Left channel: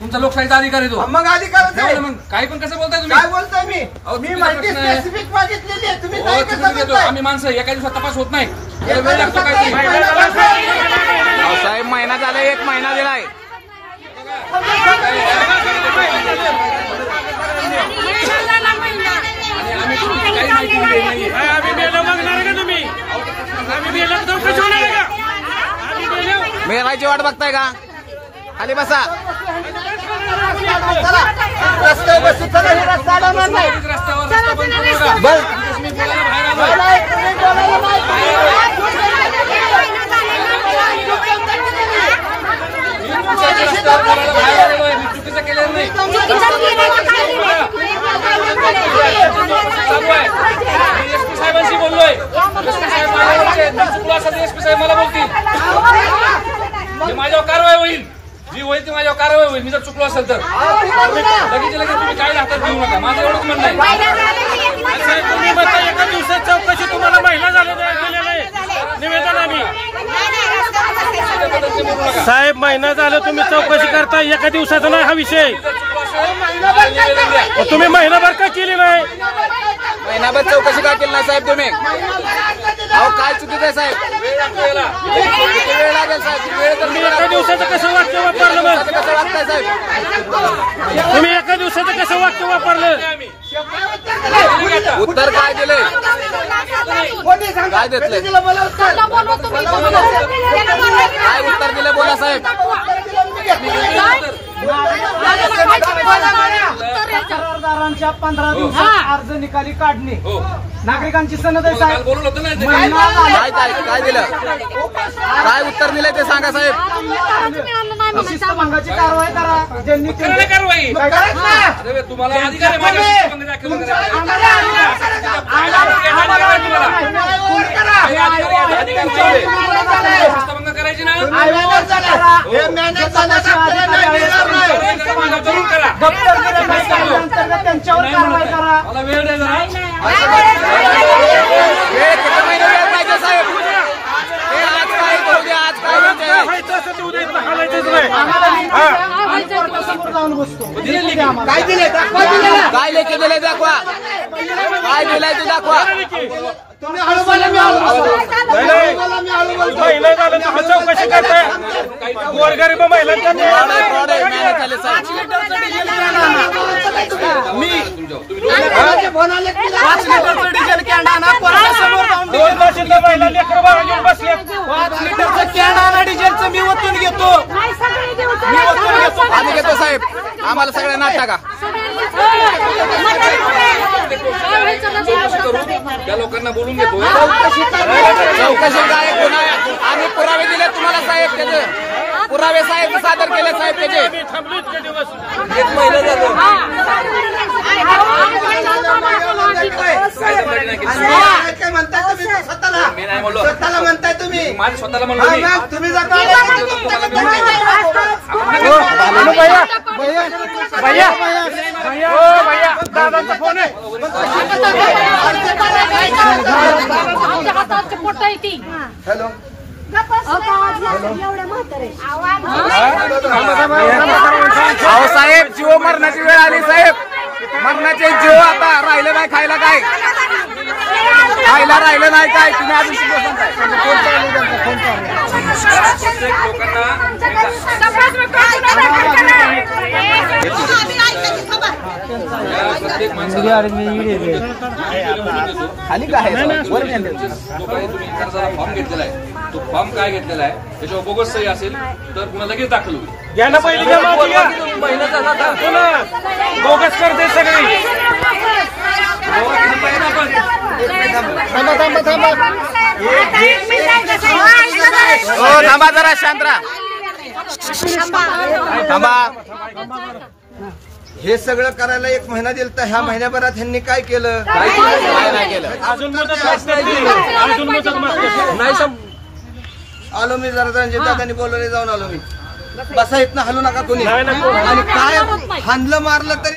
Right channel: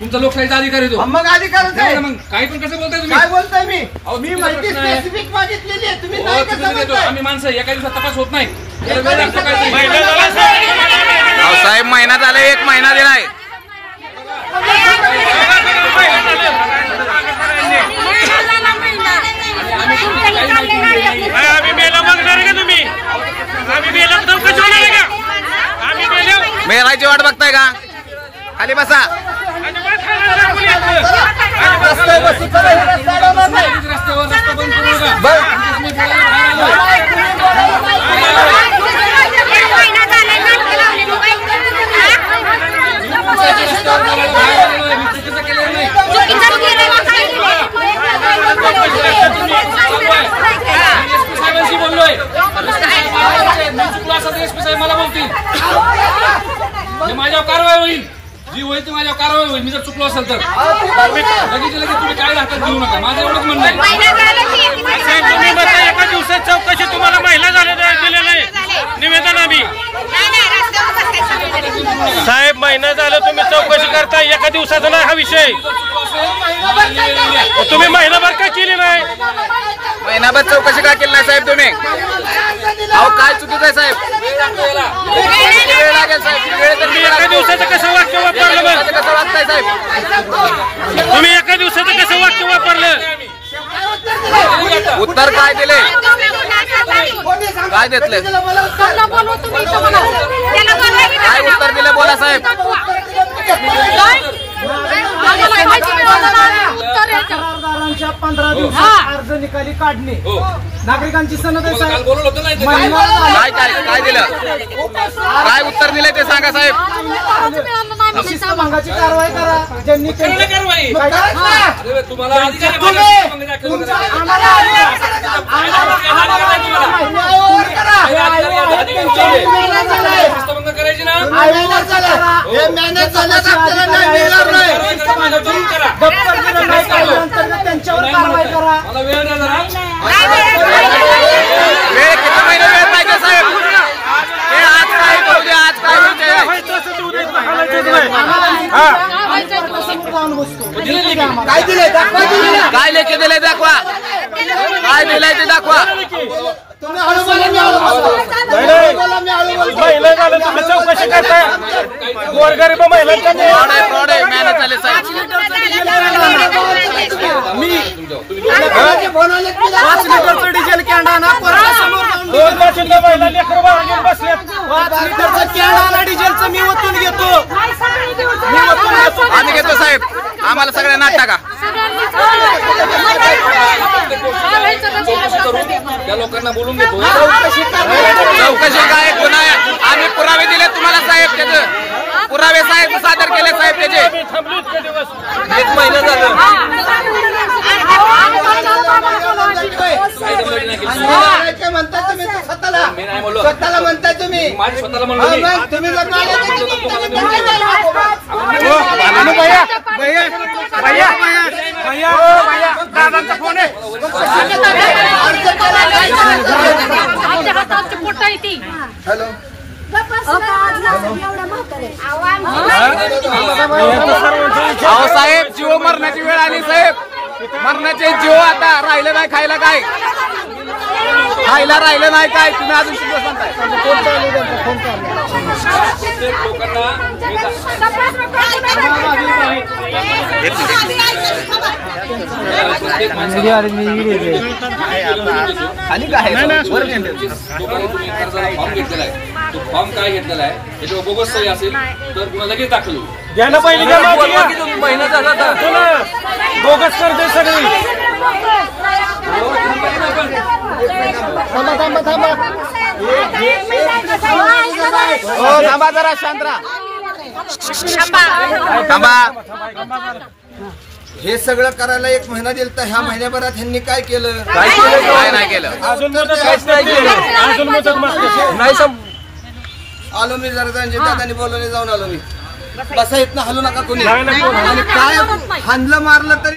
तुमचा लोकशाहीचा अधिकार आहे तो. मग अधिकारच आहे. मग काही पण कसं बोलताय तुम्ही? काय बोलताय मी माहिती स्पेसिफिक मागितलेली आहे. तुम्ही काय कसं बोलताय? आम्ही माणसं एका दिवसात तपास होत नाही. वेळ लागतो काहीतरी. साहेब महिना झाला, 1 महिना दिलाय. आम्ही मेलो मागणार का तुम्ही? आम्ही मेलो तर कसं होणार का? आम्ही मेलो मेलाची वाट बघताय का? खाली बसा. रस्त्यावर रस्ता बंद करू नका. चुकीचं केलेलं नाही. साहेबांशी बोललोय. चुकलो असेल तर एसपी साहेब मला बोलतील. माझ्यावर कारवाई होईल. जी होईल ती माझ्यावर कारवाई होईल. मी जर चुकलो असेल तर लगेच तुम्ही काय हातात घेऊ नका. माझं एवढंच म्हणणं आहे. साहेब तुम्ही म्हणता एका दिवसात चौकशी तुम्हाला महिला दिलेलं आहे निवेदन. आम्ही साहेब महिना झालं तुम्ही चौकशी करता, एका दिवसाचा नाही हा विषय. तुम्ही महिनाभर का केली नाही? महिनाभर चौकशी का केली नाही साहेब तुम्ही? अहो काय चुकीचं आहे साहेब? वेळ लागेल साहेब. वेळ तर तुम्ही एका दिवसाचं कसं वाक्य वापरलं? मग कसं वाटतंय साहेब? तुम्ही एका दिवसाचं कसं वाक्य वापरलं? उत्तर काय दिले? काय देतले? काय उत्तर दिले बोला साहेब? करारदारांच्या 15 दिवसात अर्ज निकाली काढणे, नागरिकांची सनद आहे साहेब. काय दिलं? काय उत्तर दिले ते सांगा साहेब. शिस्तभंगाची कारवाई करा. ज्यांनी कारवाई तुम्हाला करायची ना. त्यांच्यावर कारवाई करा. मला वेळ द्या जरा. वेळ किती महिने वेळ पाहिजे साहेब? हे आज काय होऊ द्या. आज काय होईल ते काय दिले? काय लेखी दिले दाखवा. काय दिलंय ते दाखवा. तुम्ही हळू बोला. मी हळू बोलतो. महिला झालं तुम्ही चौकशी करताय. गोरगरीब महिलांच्या फ्रॉड आहे मॅनेज झाले साहेब. डिझेल कॅन्डा महिला लेकरं बाळं घेऊन बसले. 5 लिटरचं कॅन्डा डिझेलचं मी ओतून घेतो. आम्ही घेतो साहेब. आम्हाला सगळ्या नाट टाका. चौकशी करू. त्या लोकांना बोलून घेतो. चौकशी काय गुन्हा? आम्ही पुरावे दिले तुम्हाला साहेब. त्याचे पुरावे साहेब सादर केले साहेब. त्याचे 1 महिना झालं. काय म्हणताय तुम्ही? स्वतःला म्हणताय तुम्ही. माझं स्वतःला म्हणलं तुम्ही जर दादांचा फोन आहे. हॅलो. अहो साहेब जीव मरणाची वेळ आली साहेब. मरणाचे जीव आता राहिलं नाही. खायला काय खायला राहिलं नाही काय? तुम्ही अजून किती सांगताय? फोन चालू त्यांचा. फोन चालू. प्रत्येक लोकांना खाली काय फॉर्म घेतलेला आहे. तो फॉर्म काय घेतलेला आहे त्याच्यावर बोगस सही असेल तर पुन्हा लगेच दाखल होईल. घ्यायला पाहिजे. महिना झाला बोगस करते सगळी. हो थांबा जरा. शांत राहा. थांबा. हे सगळं करायला 1 महिना दिला तर ह्या महिन्याभरात ह्यांनी काय केलं? काय नाही केलं. आलो मी जरा दादानी बोलवले जाऊन आलो मी. बसा इथनं हलू नका कोणी. आणि काय हाणलं मारलं तरी